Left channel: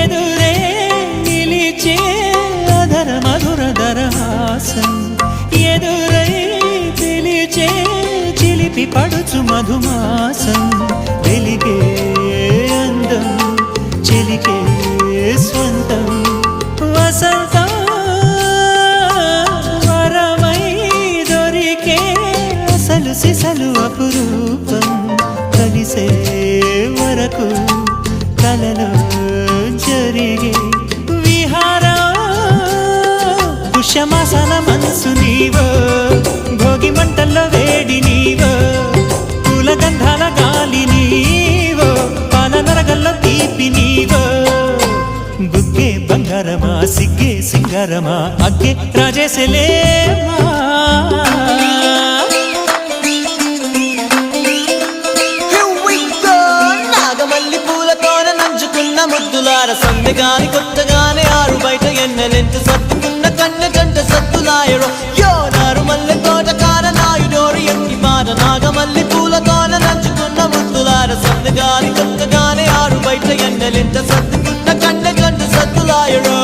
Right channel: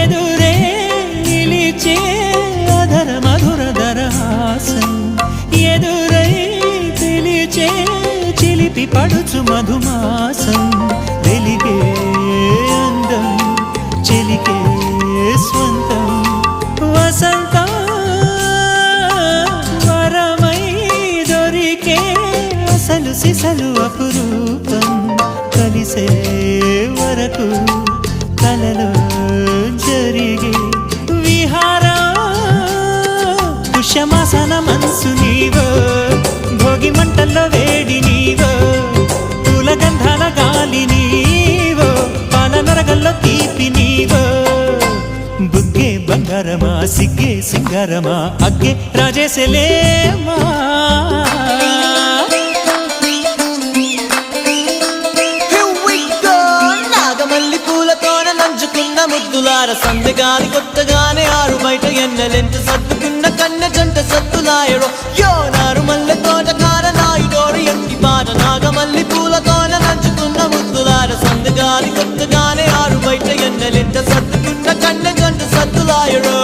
ఎదురే నిలిచే అధర మధుర దరహాసం ఎదురై పిలిచే చిలిపి పడుచు మధుమాసం వెలిగే అందం చెలికే స్వంతం వసంతం వరమై దొరికే అసలు సిసలు అపురూపం కలిసే వరకు కలలో జరిగే విహారం పుష్యమాసన మనసు నీవో భోగి మంటల్లో వేడి నీవో పూల గంధాల గాలి నీవో పాల నరగల్లో తీపి నీవో బుగ్గే బంగారమా సిగ్గే సింగారమా అగ్గే రాజేసలేమా మల్లి పూలతోన నంచుకున్న ముద్దులార సందెగాని కొత్తగానే ఆరు బయట ఎన్నెలెంట సర్దుకున్న కన్నె జంట సత్తులాయరో యోనారు మల్లె తోటకార నాయుడోరు ఎట్టి పాట నాగమల్లి పూలతోన నంచుకున్న ముద్దులార సందెగాని కొత్తగానే ఆరు బయట ఎన్నెలెంట సర్దుకున్న కన్నె జంట సత్తులాయరో